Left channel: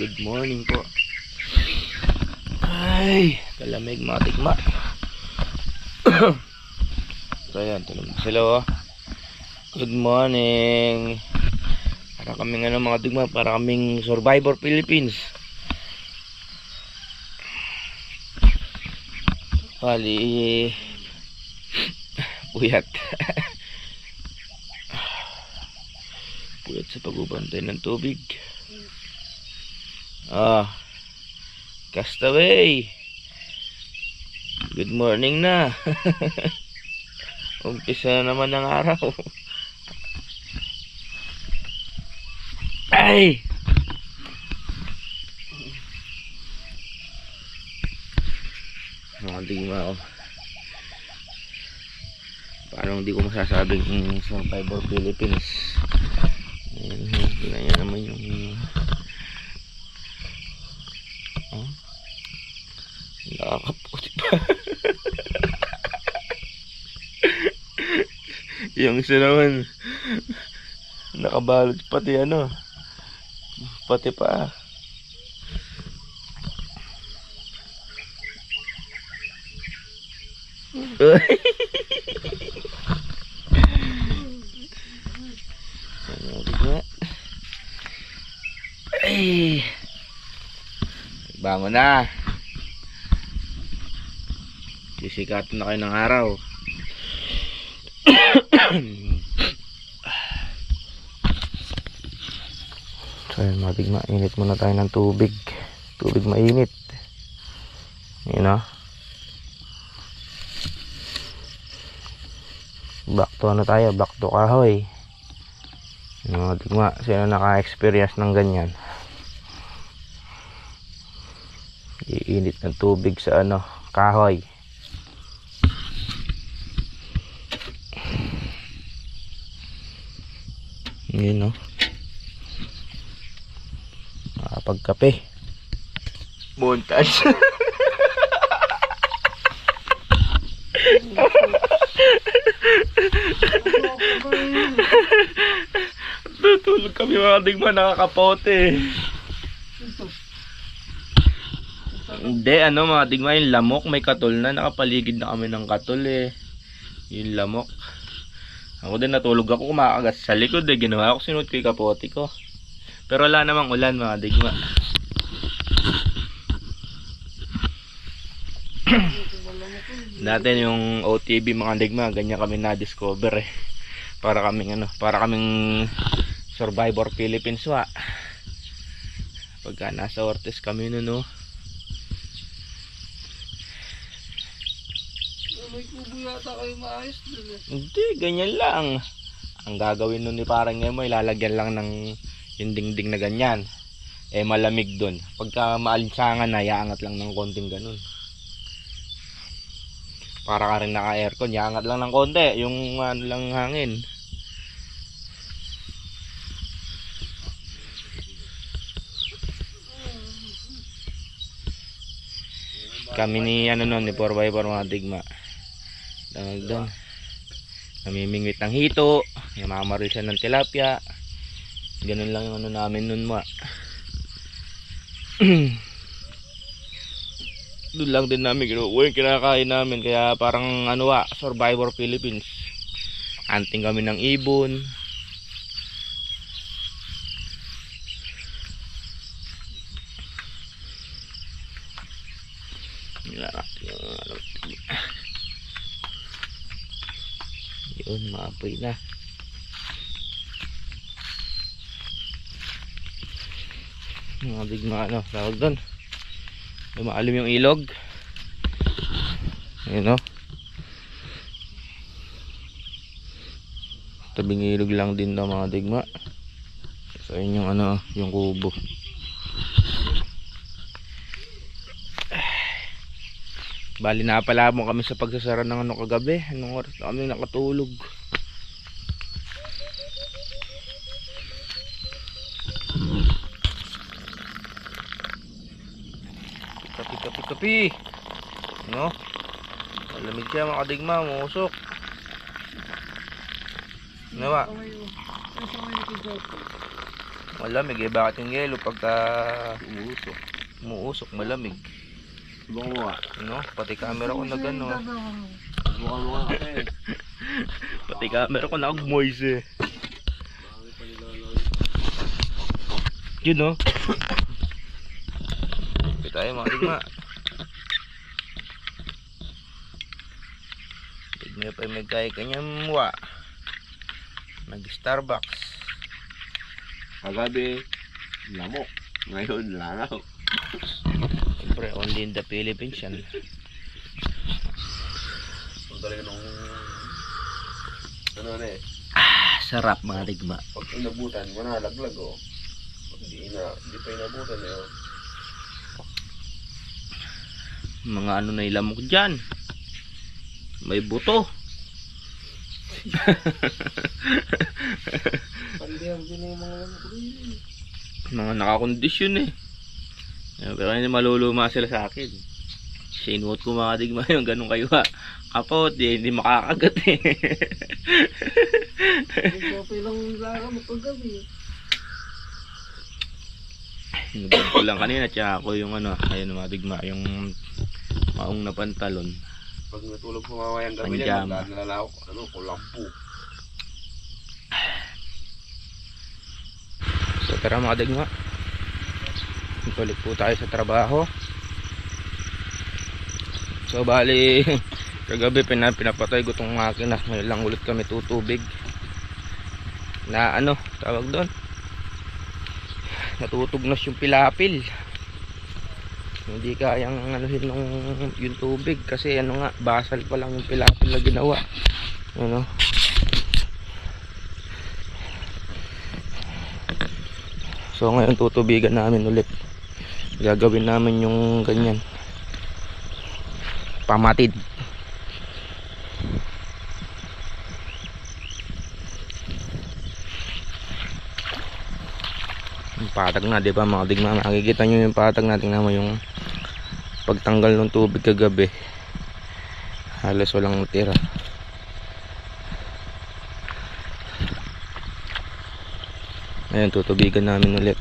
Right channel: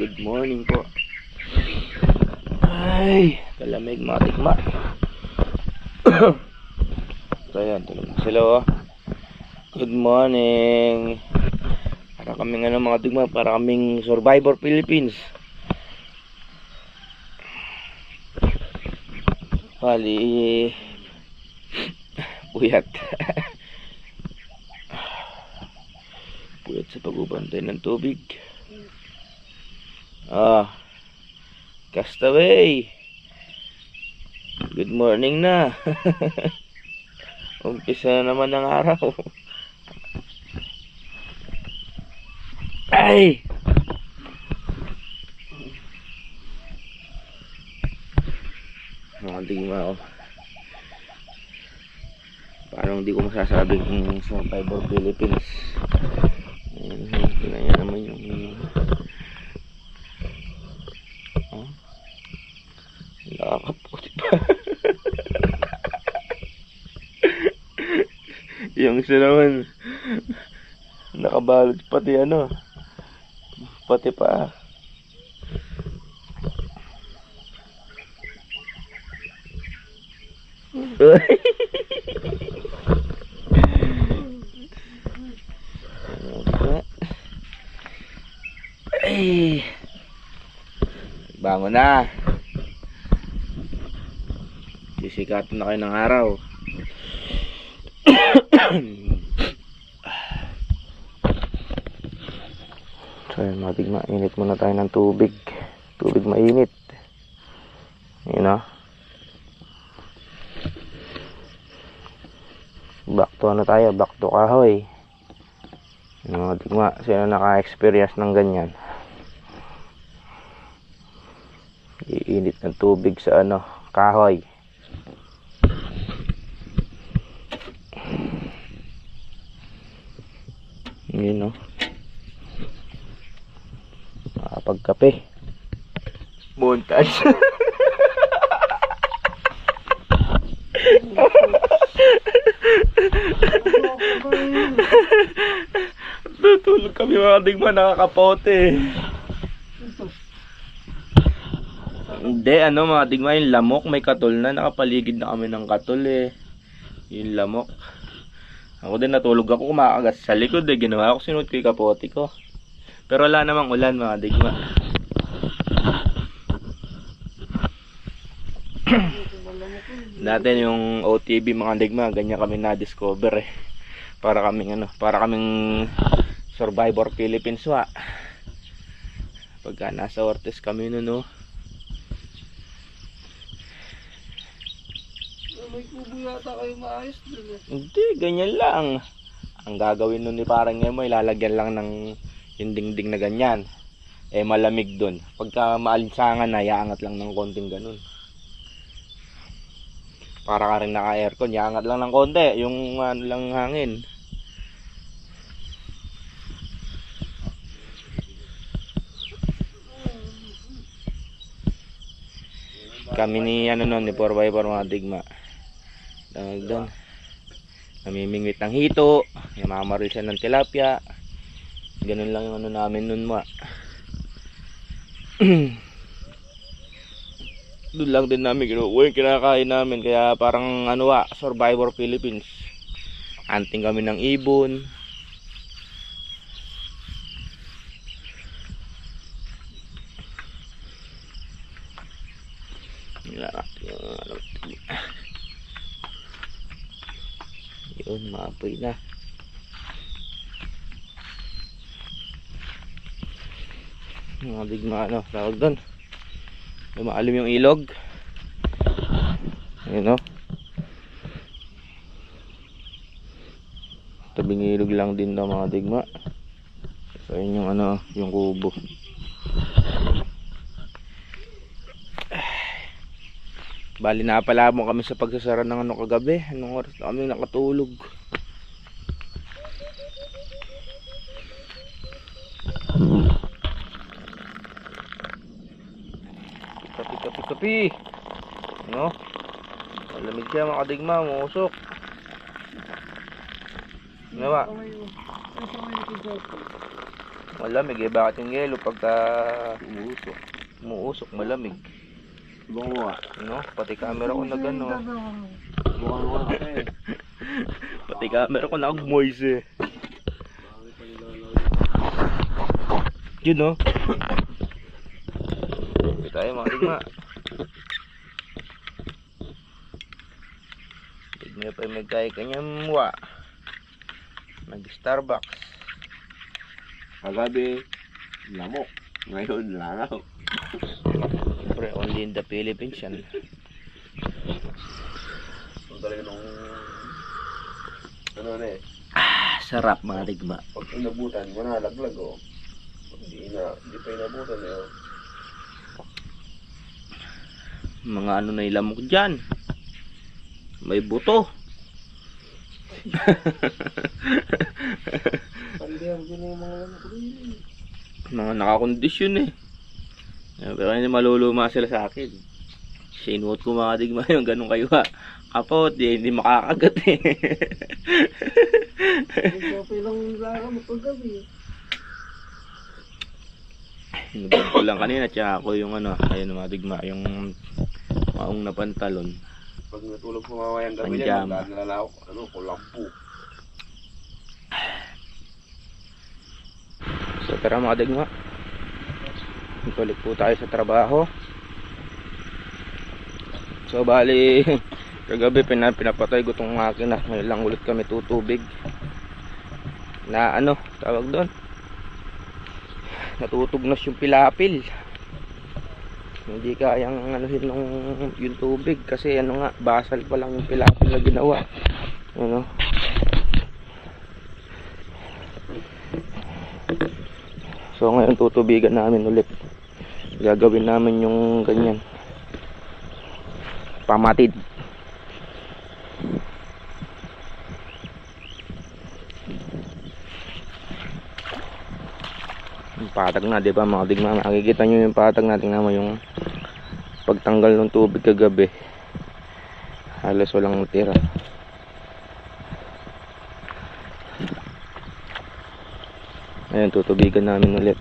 Good morning po. Ay, kalamig mga digma. So ayan, tulog na sila oh. Good morning. Para kaming mga digma, para kaming Survivor Philippines. Bali puyat. Puyat sa pagbubantay ng tubig. Castaway. Good morning na. Umpisa na naman ng araw. Ay! Mga digma oh. Parang hindi ko masasabing Survivor Philippines. Ganyan naman yung nakakaputi pa. Yung isa naman nakabalot pati pati pa. Ay, bangon na. Sisikatan na kayo ng araw. So yun mga digma, init muna tayo ng tubig. Tubig mainit. Yun o. Back to tayo, back to kahoy. Yun mga digma, sino naka-experience ng ganyan? Iinit ng tubig sa kahoy. Yun o. Makapagkape. Montage. Tutulog kami mga digma, nakakapote. Hindi, mga digma, yung lamok may katol na. Nakapaligid na kami ng katol eh. Yung lamok. Ako din natulog ako, kumakagas sa likod eh. Ginawa ko, sinuot ko yung kapote ko. Pero wala namang ulan mga digma. Dati yung OTV mga digma, ganyan kami na-discover eh. Para kaming Survivor Philippines wa. Pagka nasa Ortiz kami no. May kubo yata kayo maayos dun eh. Hindi, ganyan lang. Ang gagawin nun ni parang Emo, ilalagyan lang ng yung dingding na ganyan. Eh malamig dun. Pagka maalinsangan na, iangat lang ng konting ganun. Para ka rin naka-aircon, iangat lang ng konti. Yung lang hangin. Kami ni ni 4x4 mga digma. Dahil doon namimingwit ng hito, namamaril siya ng tilapia. Ganun lang yung namin nun ma. Doon lang din namin kinukuha yung kinakain namin. Kaya parang Survivor Philippines. Hunting kami ng ibon. Yun, maapoy na. Mga digma tawag doon. Lumaalim yung ilog. Ayun tabing ilog lang din daw mga digma. So yun yung yung kubo. Bali na pala mo kami sa pagsasara ng ano kagabi. Anong oras na kami nakatulog? Kapi. No? Malamig siya mga kadigma, musok. Ano ba? Malamig eh, bakit yung yelo pagka umuusok, malamig. Bunga. No? Pati camera ko na gano'n. Bunga kasi. Pati camera ko nag-moist eh. Yun no? Ito tayo mga digma. Tignan pa yung magkaya kanyang muwa. Nag-Starbucks. Kagabi, lamok. Ngayon, langaw. Siyempre, only in the Philippines yan. So talaga nung ano na eh. Sarap mga digma. Pag inabutan, manalaglag oh. Pag hindi pa inabutan eh oh. Mga ano na ilamok dyan. May buto. Pandiyan din yung mga lamok rin. Mga nakakondisyon eh. Pero hindi maluluma sila sa akin. Sinuot ko mga digma yung ganun kayo ha. Kapot, hindi makakagat eh. Okay lang lang mo paggabi. Nubad ko lang kanina, tsaka ako yung ano, ayun mga digma, yung maong na pantalon. Pag natulog po mamayang gabi Panjama. yan, nalalaw ko, ano, kulampu. So tara mga digma, balik po tayo sa trabaho. So bali, kagabi pinapatay ko tong makina. May lang ulit kami tutubig na ano, tawag doon, natutugnas yung pilapil. Hindi kayang anuhin nung yung tubig kasi ano nga, basal pa lang yung pilapil na ginawa. Ano? So ngayon tutubigan namin ulit. Gagawin namin yung ganyan. Pamatid. Yung patag na, di ba mga digma? Makikita nyo yung patag na. Tingnan mo yung pagtanggal ng tubig kagabi. Halos walang tira. Ayan, tutubigan namin ulit.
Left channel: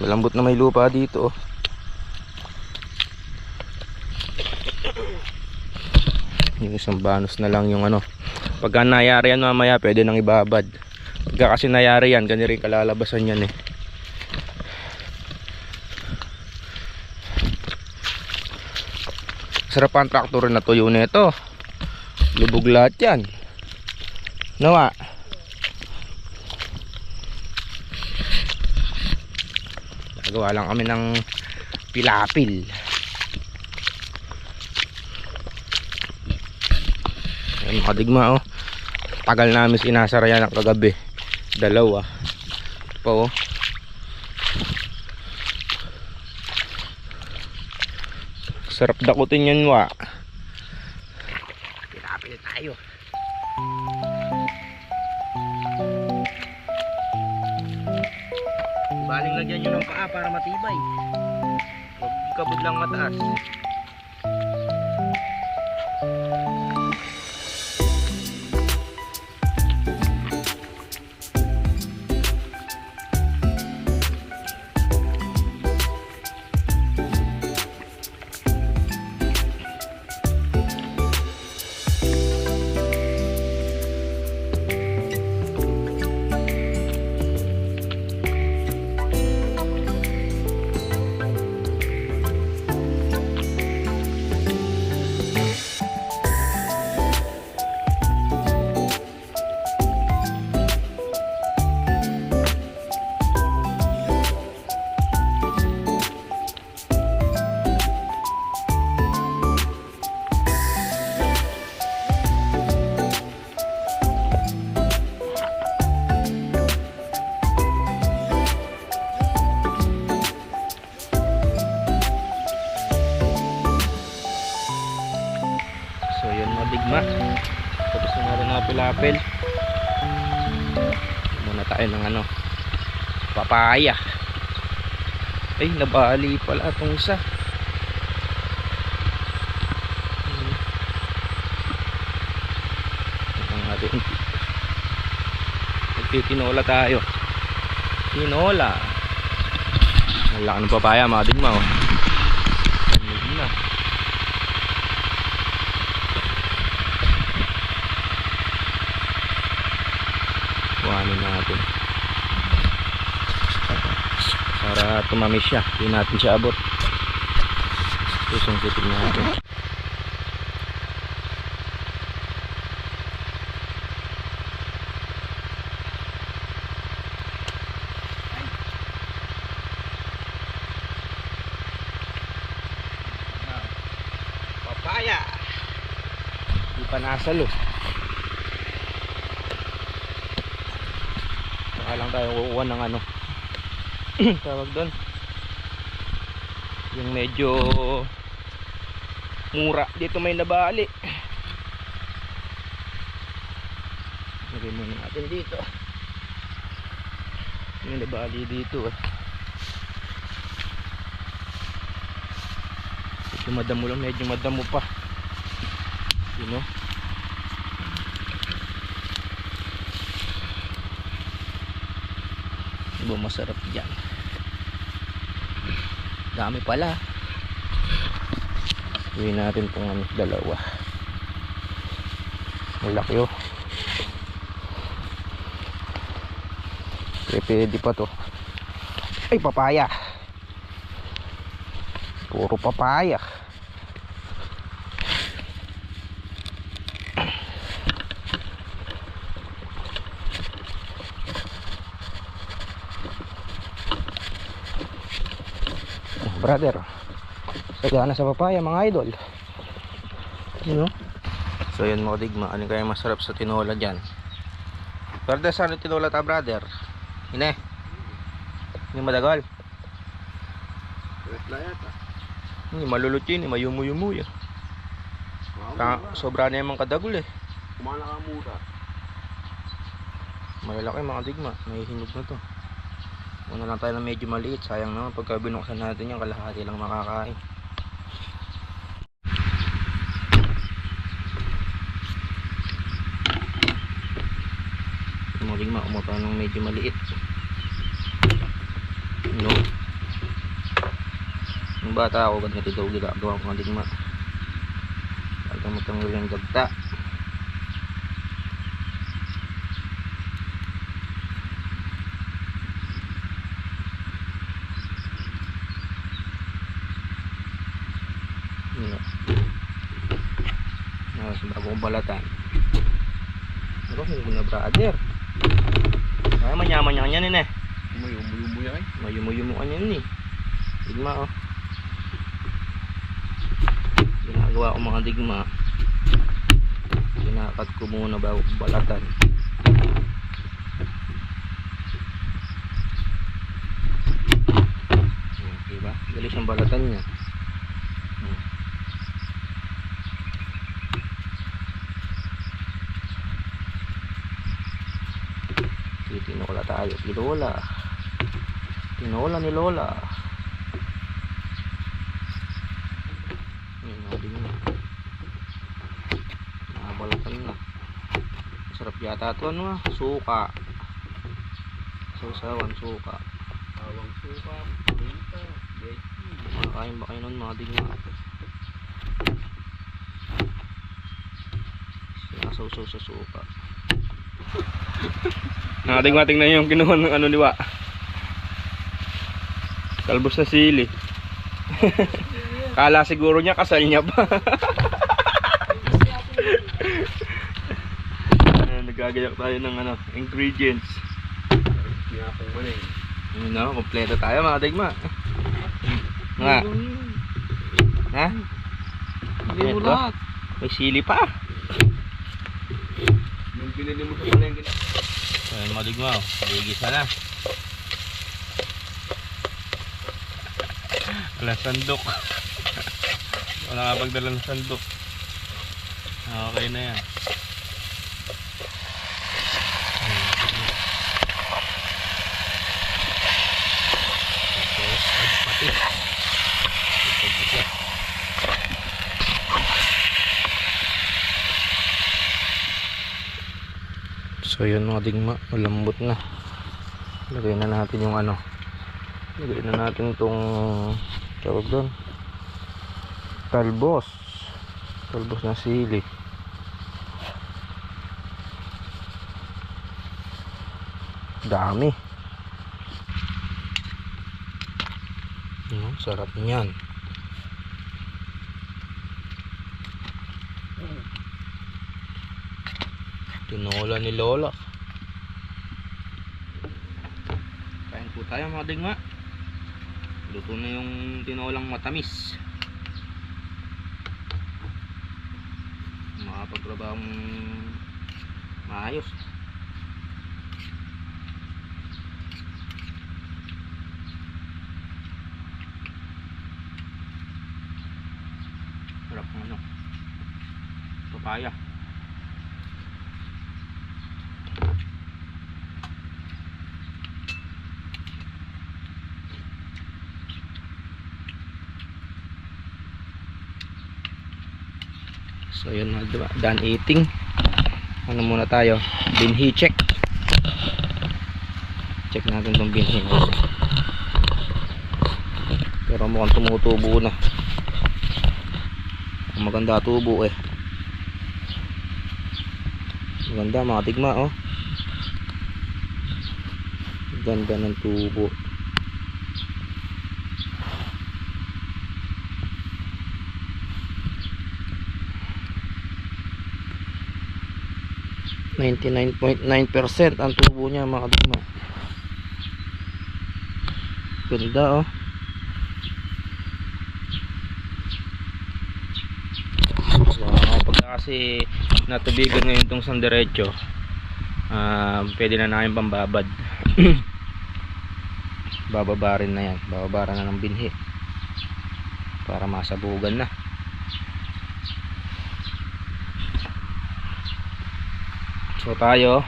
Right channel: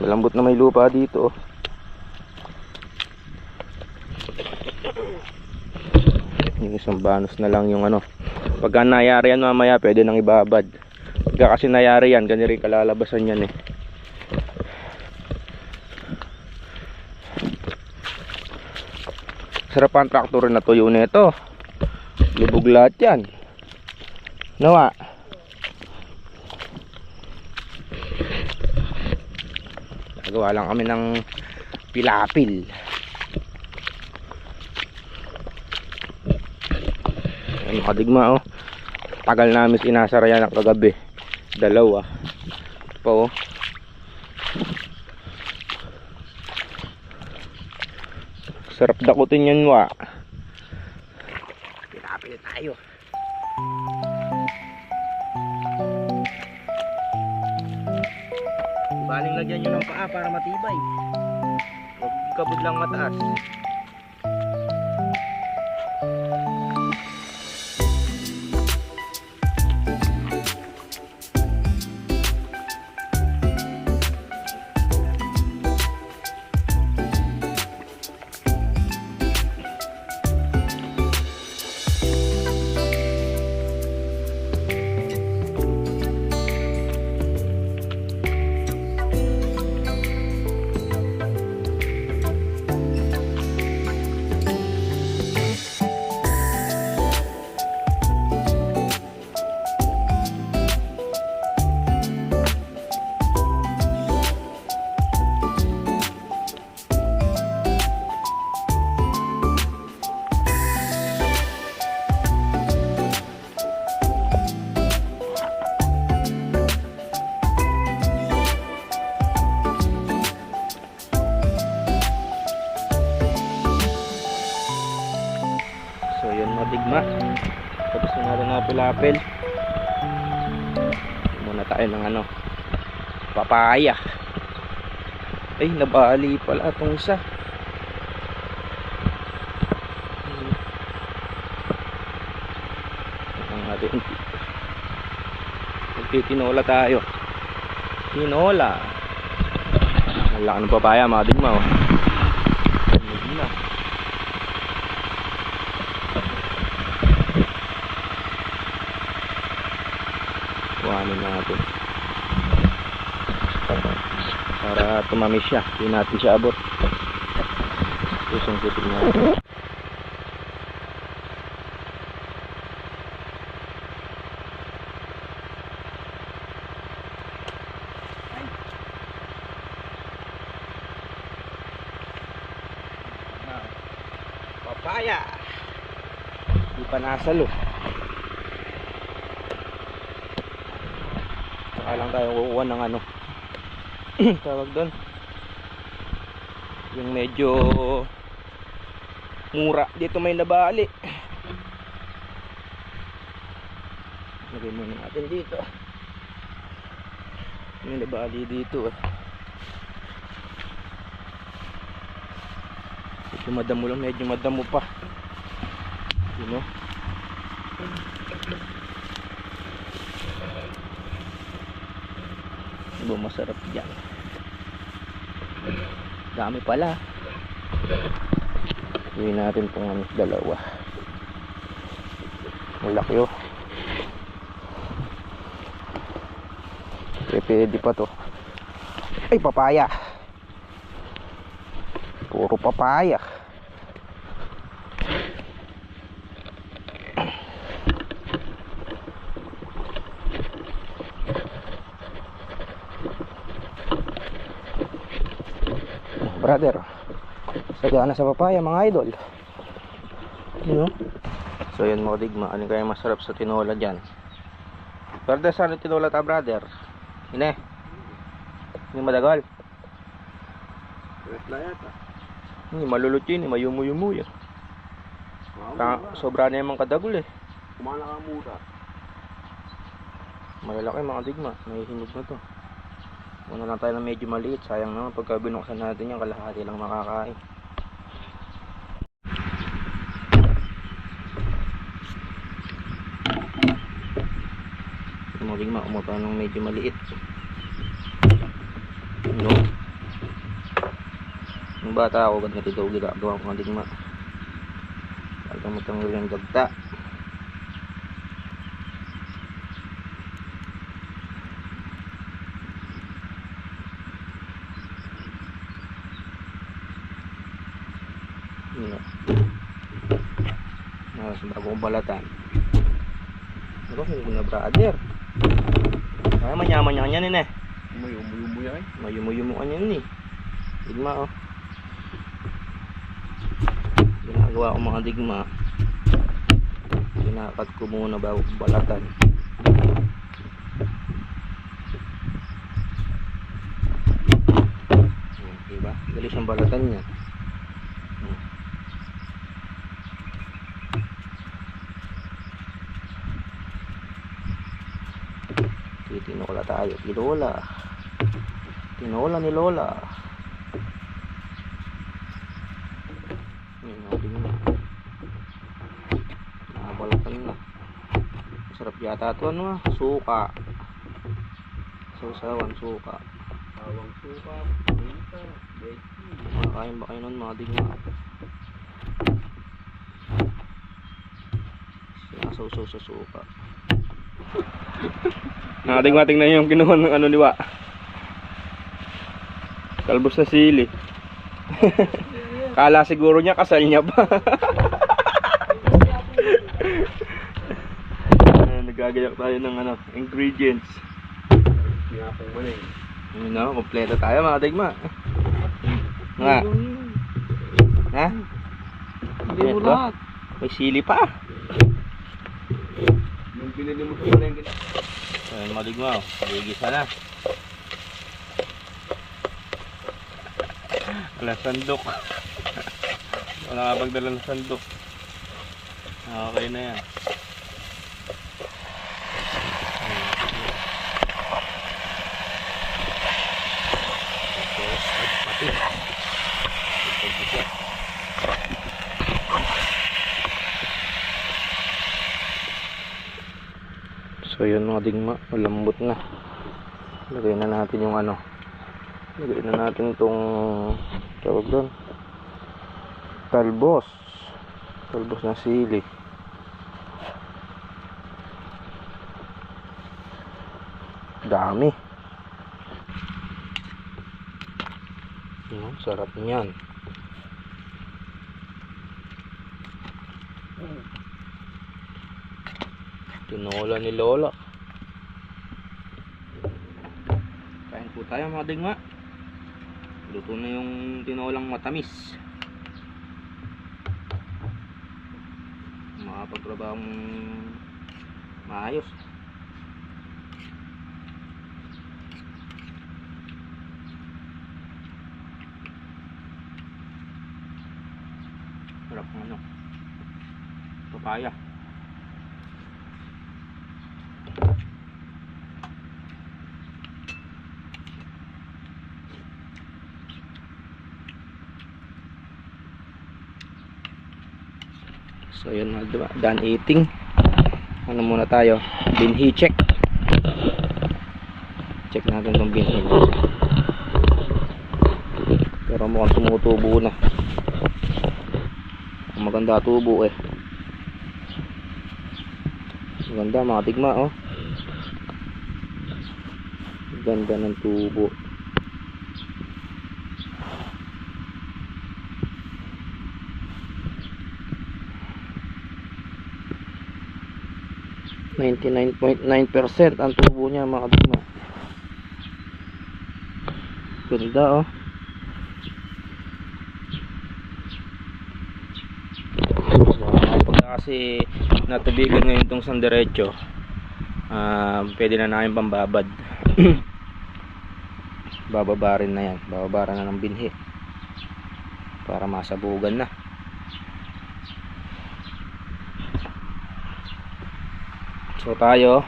Malambot na may lupa dito oh. Yung isang banos na lang yung ano. Pagka nayari yan mamaya pwede nang ibabad. Pagka kasi nayari yan, ganyan rin kalalabasan yan eh. Sarap ang traktor na tuyo nito. Lubog lahat yan. Nawa. Nagawa lang kami ng pilapil. Ayan mga digma oh. Tagal namin sinasara yan ang kagabi. Dalawa. Ito pa oh. Sarap dakutin yan wa. Pilapil tayo. Baling lagyan nyo ng paa para matibay. Huwag kabod lang mataas. apple. Muna tayo ng ano, papaya. Ay, nabali pala itong isa. Ang ating magtitinola tayo. Tinola. Ang laki ng papaya mga digma, oh. Kuhanin natin para tumamis siya. Hindi natin siya abot. Susungkitin natin. Papaya. Hindi pa nasalo. Saka lang tayo kukuha ng ano tawag doon, yung medyo mura. Dito may nabali. Lagay muna natin dito. May nabali dito, medyo madamo lang, medyo madamo pa, you know? Iba masarap dyan. Dami pala. Gawin natin itong dalawa. Malaki, oh. Pwede pa to. Ay, papaya. Puro papaya. Brother, sagana sa papaya mga idol, you know? So yun mga digma, ano kaya masarap sa tinola dyan? Brother, saan yung tinola ta, brother? Ine? Hindi madagal? Hindi malulot yun, mayumu-yumu yun. Sobra na yung mga kadagol, eh. Kumana ka muna. Malalaki mga digma, may hinog na to. Una lang tayo na medyo maliit. Sayang naman pagka binuksan natin yung kalahati lang makakain. Muling maumupa ng medyo maliit. No? Nung bata ako, ganito ito ginagawa ko ng digma. Talagang matanggal yung dagta. Sa bagong balatan. Ano kung na, brother? Ay, manyaman niya kanyan eh. Mayumu yan. Mayumu kanyan eh. Digma, oh. Ginagawa ko mga digma. Ginakat ko muna bago balatan. Diba? Dali siyang balatan niya. Tinola tayo, tinola. Tinola ni Lola. Yun natin yun. Nakabalatan na. Masarap yata ito, ano, suka. Sausawan, suka. Awang suka, pinta, beki. Makakain ba kayo nun mga digma? Sinasawsaw sa suka. Nakating na yung kinuha ng ano niwa. Kalbos na sili. Kala siguro niya kasal niya pa. Nagagayak tayo ng ano, ingredients. Pinapong mali. Yun na, kompleto tayo mga digma. Nga. Ha? Hindi mo lahat. May sili pa. Yung binili mo sa palengke. Ayun mga digma, ligisa na. Wala sandok. Wala nga pagdala ng sandok. Okay na yan. So yun mga digma, malambot na. Lagay na natin yung ano. Lagay na natin itong tawag doon. Talbos. Talbos na sili. Dami. Sarap niyan. Tinola ni Lola. Kain po tayo mga digma. Luto na yung tinolang matamis. Makapagtrabahong maayos. Sarap ng ano, papaya. So yun mga diba, done eating. Ano muna tayo, binhi check. Check natin tong binhi. Pero mukhang tumutubo na. Maganda tubo eh. Maganda mga tigma oh. Ganda ng tubo. .9% ang tubo niya mga tigma. Ganda oh. Kasi natubigan ngayon itong sanderecho, pwede na namin pambabad. Bababarin na yan, bababaran na ng binhi para masabugan na. So tayo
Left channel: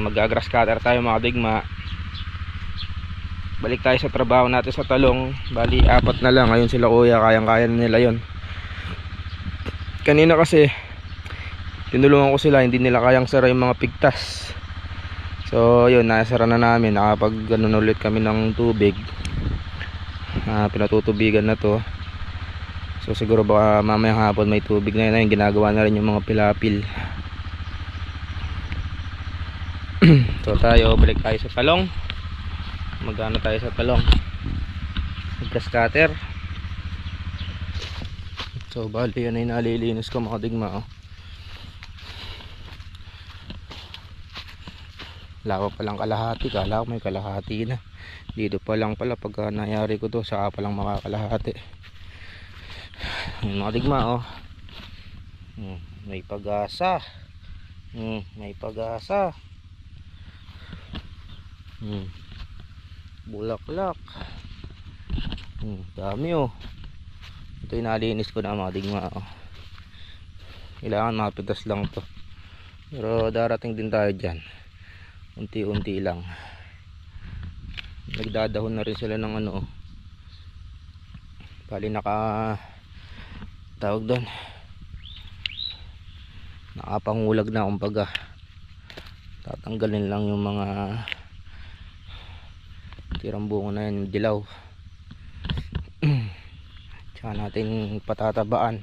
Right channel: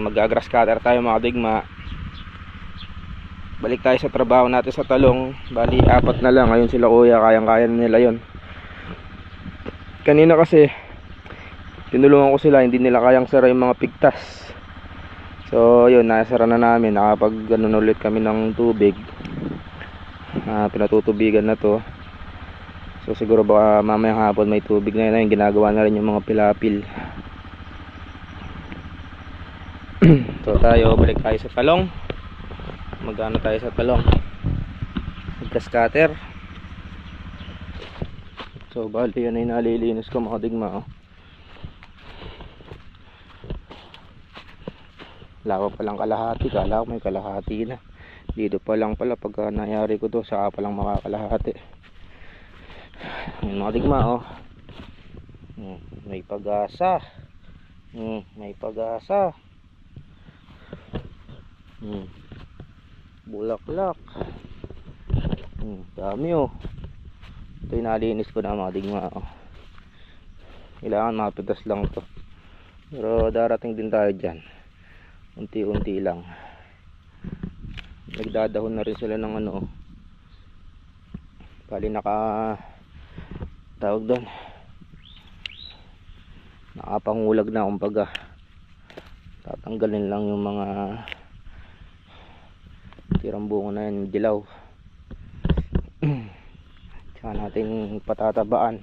mag-grass cutter tayo mga digma. Balik tayo sa trabaho natin sa talong. Bali 4 na lang, ayun sila kuya, kayang-kaya nila yon. Kanina kasi tinulungan ko sila, hindi nila kayang sara yung mga pigtas. So yun, nasara na namin. Nakapag ganun ulit kami ng tubig. Pinatutubigan na to. So siguro baka mamayang hapon may tubig na yun. Ginagawa na rin yung mga pilapil. So tayo, balik tayo sa talong. Magano tayo sa talong, mag-grass cutter. So bali yan ay nalilinis ko mga digma oh. Lawa pa lang kalahati, kala ko may kalahati na. Dito pa lang pala pagka nangyari ko to, saka pa lang makakalahati. Mga digma oh. May pag-asa. May pag-asa. Bulaklak. Dami oh. Ito yung nalinis ko na mga digma oh. Kailangan mapitas lang to. Pero darating din tayo dyan. Unti-unti lang. Nagdadahon na rin sila ng ano oh. Bali naka tawag doon, nakapangulag na kumbaga. Tatanggalin lang yung mga tirang bunga na yan, dilaw. Tsaka natin patatabaan.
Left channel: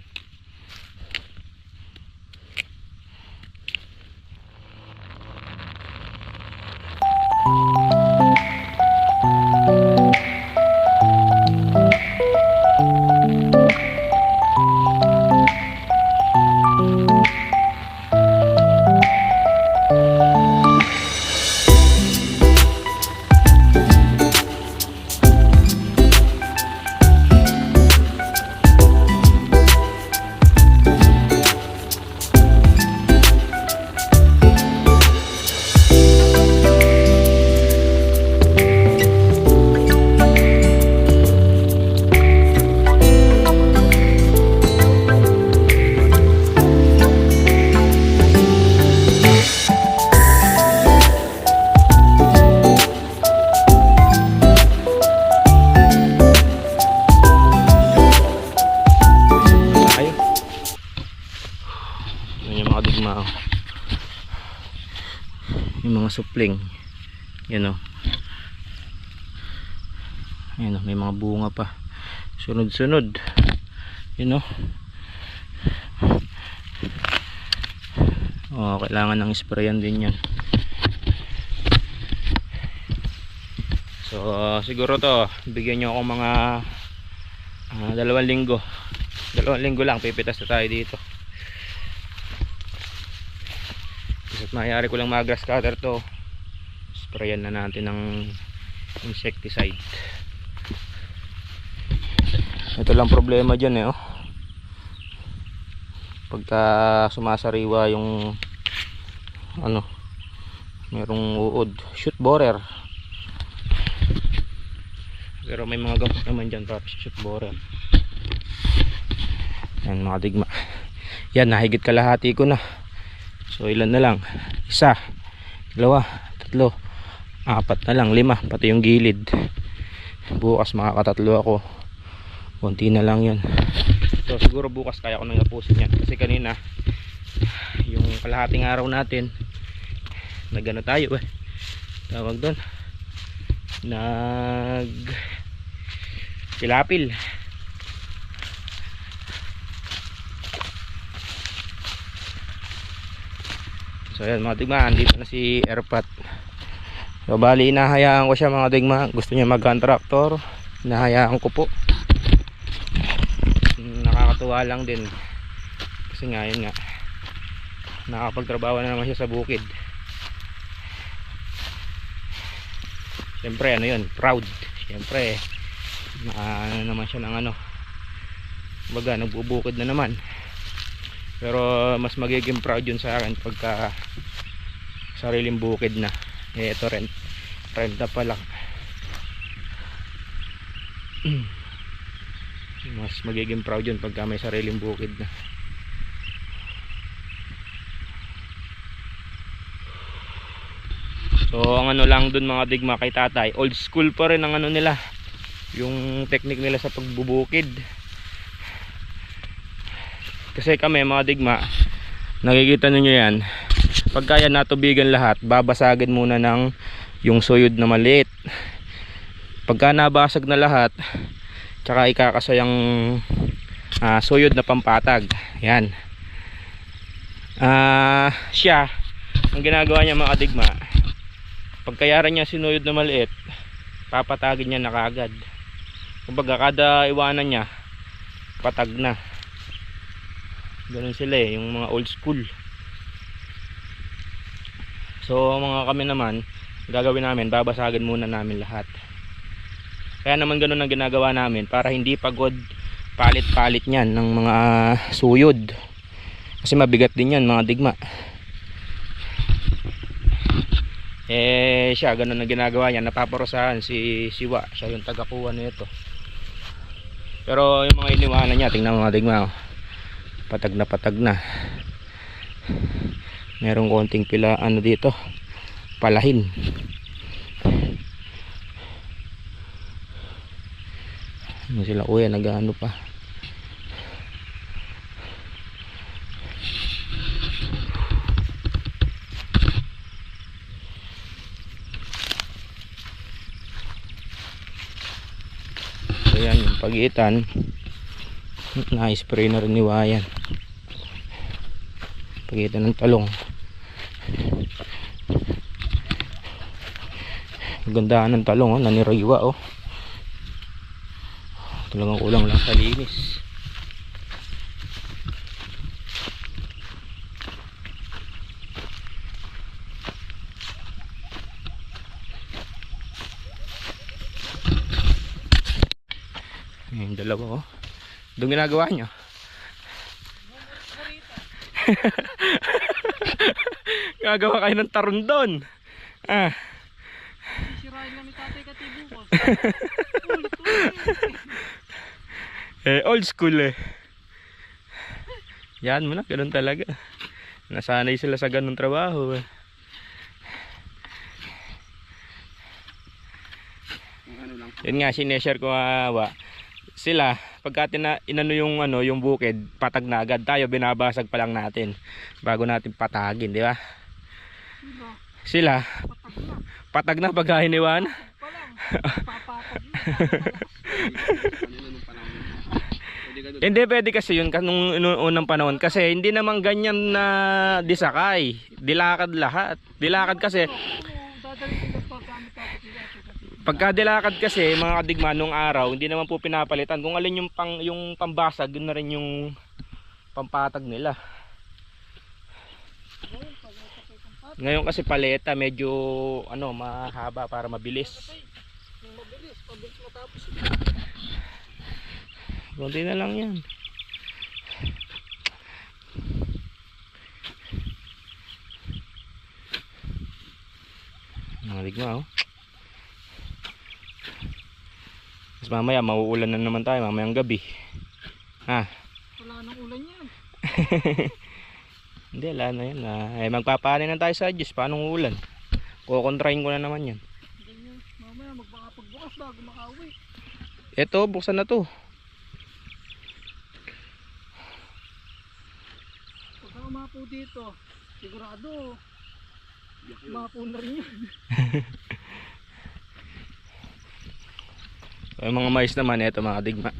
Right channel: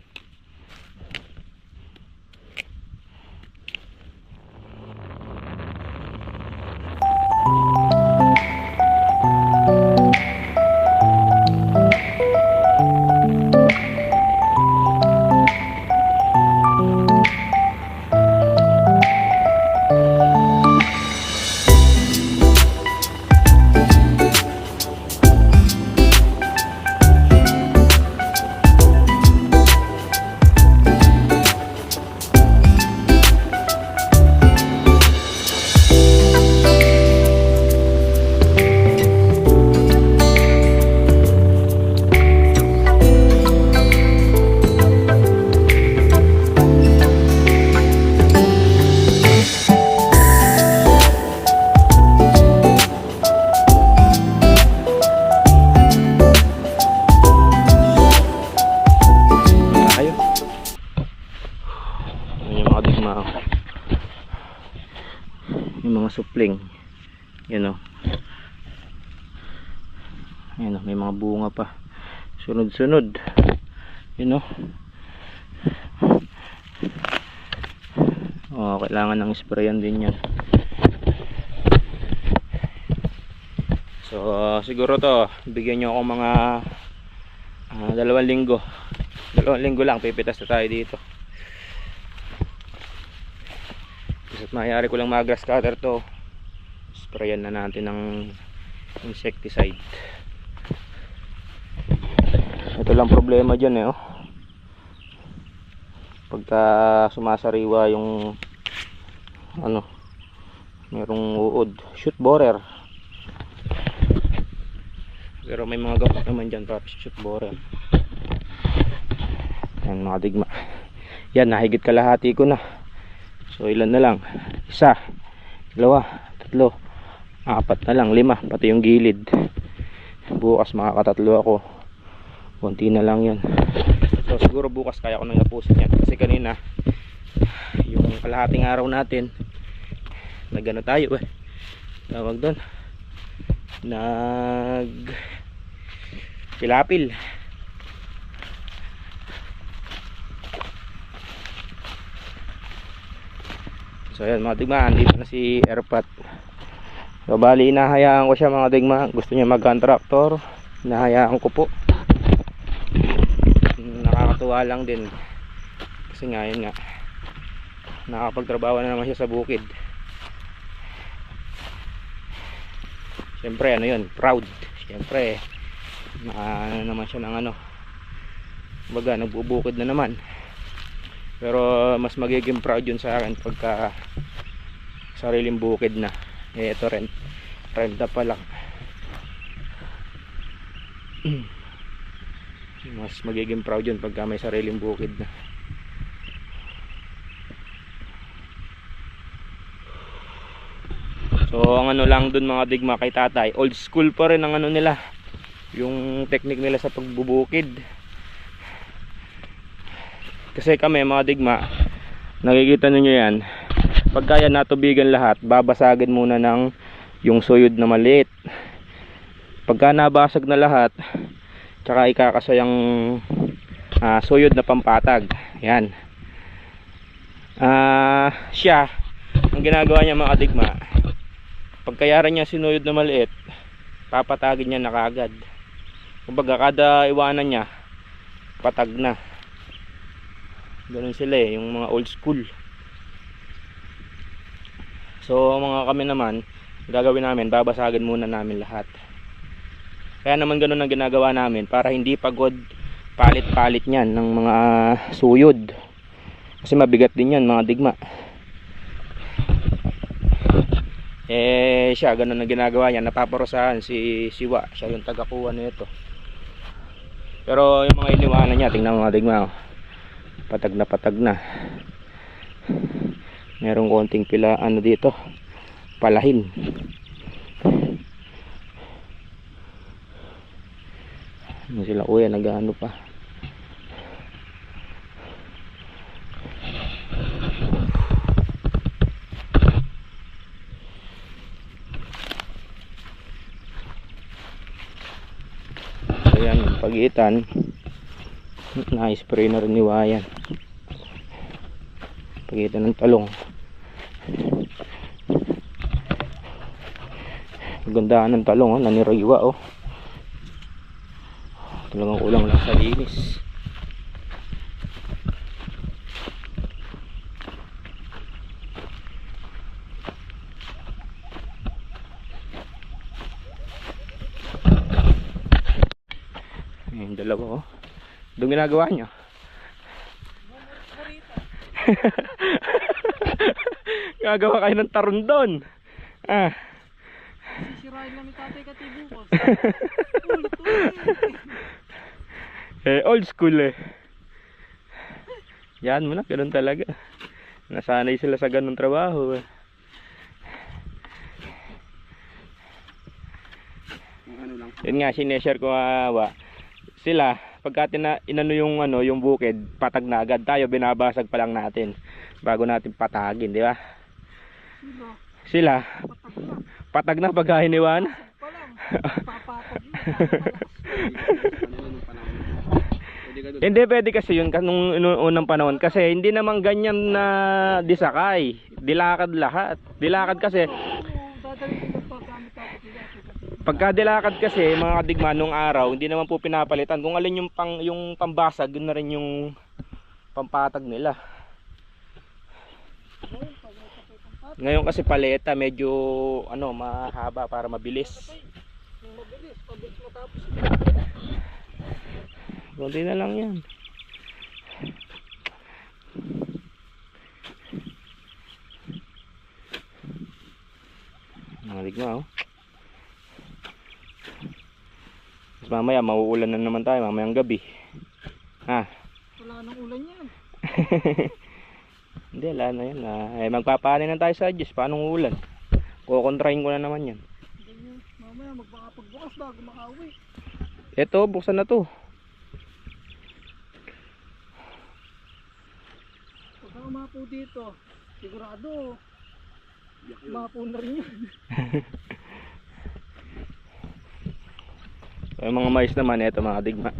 supling. Yan o. Ayan o, may mga bunga pa. Sunod-sunod. Yan o. Oh, kailangan ng sprayan din yan. So siguro to, bigyan nyo ako mga 2 linggo. 2 linggo lang, pipitas na tayo dito. Kasi mayari ko lang mag-grass cutter to. Sprayan na natin ng insecticide. Ito lang problema dyan eh, oh. Pagka sumasariwa yung ano, merong uod, shoot borer. Pero may mga gamot naman dyan para shoot borer. Yan mga digma. Yan, nahigit kalahati ko na. So ilan na lang? 1, 2, 3, 4 na lang, 5 pati yung gilid. Bukas makakatatlo ako. Konti na lang yun. So siguro bukas kaya ko nang tapusin yan. Kasi kanina yung kalahating araw natin nagano tayo eh. Tawag doon, nag pilapil. So yan mga digma, dito na si Erpat. So bali inahayaan ko siya mga digma. Gusto niya mag-contractor, inahayaan ko po. Nakakatuwa lang din kasi nga yun nga, nakakapagtrabaho na naman siya sa bukid. Siyempre ano yun, proud. Siyempre ano naman siya ng ano, baga nagbubukid na naman. Pero mas magiging proud yun sa akin pagka sariling bukid na. Eh ito renta pa lang. Mas magiging proud yun pagka may sariling bukid na. So ang ano lang dun mga digma kay tatay, old school pa rin ang ano nila, yung technique nila sa pagbubukid. Kasi kami mga digma, nakikita ninyo yan, pagka yan natubigan lahat, babasagin muna ng yung suyod na maliit. Pagka nabasag na lahat, tsaka ikakasayang suyod na pampatag. Yan. Siya, ang ginagawa niya mga digma, pagkayaran niya sinuyod na maliit, papatagin niya na kaagad. Kumbaga kada iwanan niya, patag na. Ganun sila eh, yung mga old school. So mga kami naman, gagawin namin, babasagin muna namin lahat. Kaya naman ganun ang ginagawa namin, para hindi pagod palit-palit niyan ng mga suyod. Kasi mabigat din yan mga digma. Eh siya, ganun ang ginagawa niya, napaparusahan si Siwa, siya yung tagakuha nito. Pero yung mga iniwanan niya, tingnan mga digma, oh. Patag na. Merong konting pila ano dito, palahin. Ano sila kuya, nag-ano pa. Ayan yung pagitan, na-spray na rin ni Wayan. Pagitan ng talong. Gandaan ng talong, oh, naniriwa oh. Talagang kulang lang sa linis. Yung dalawa oh. Doon ginagawa nyo? Gagawa kayo ng taron doon. Sirain namin tatay katibo ko. Old school eh. Yan mo na, ganun talaga. Nasanay sila sa ganun trabaho eh. Yun nga, sineshare ko sila, pagka inano yung ano, yung bukid, patag na agad. Tayo binabasag pa lang natin bago natin patagin, di ba? Sila, patag na pagka hiniwan. Pa lang. Papapag yun. Hindi pwede kasi yun nung unang panahon kasi hindi naman ganyan na disakay. Dilakad lahat. Dilakad kasi Dadalhin ko pa gamit ako sila. pagka dilakad kasi mga kadigma nung araw hindi naman po pinapalitan. Kung alin yung pambasag, yun na rin yung pampatag nila. Ngayon kasi paleta medyo mahaba para mabilis. Mabilis, pabilis matapos. Kunti na lang yan. Naligma oh. Mas mamaya mauulan na naman tayo mamayang gabi. Ha? Wala nang ulan yan. Hindi, wala na yan. Magpapanin na tayo sa Diyos. Paano ulan? Kukontrahin ko na naman yan. Ganyan. Mamaya magpakapagbukas bago makauwi. Eto, buksan na to. Pagka umapo dito, sigurado umapo na rin yan. Yung mga mais naman, eto mga digma.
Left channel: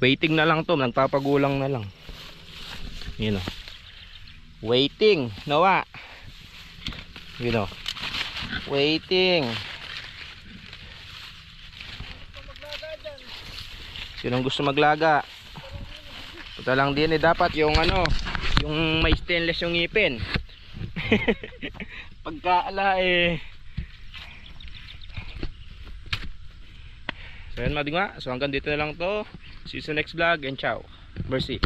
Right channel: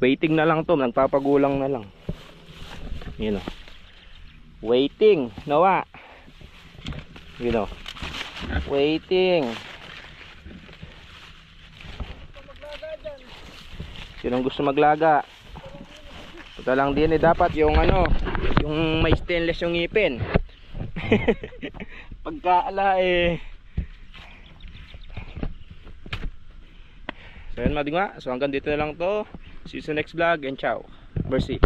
Waiting na lang to, nagpapagulang na lang. Yun o. Waiting, nawa. Yun o. Waiting. Sinong gusto maglaga? Ito lang din dapat yung yung may stainless yung ngipin. Pagkaala So yun mga digma, so hanggang dito na lang to. See you sa next vlog and ciao. Mercy.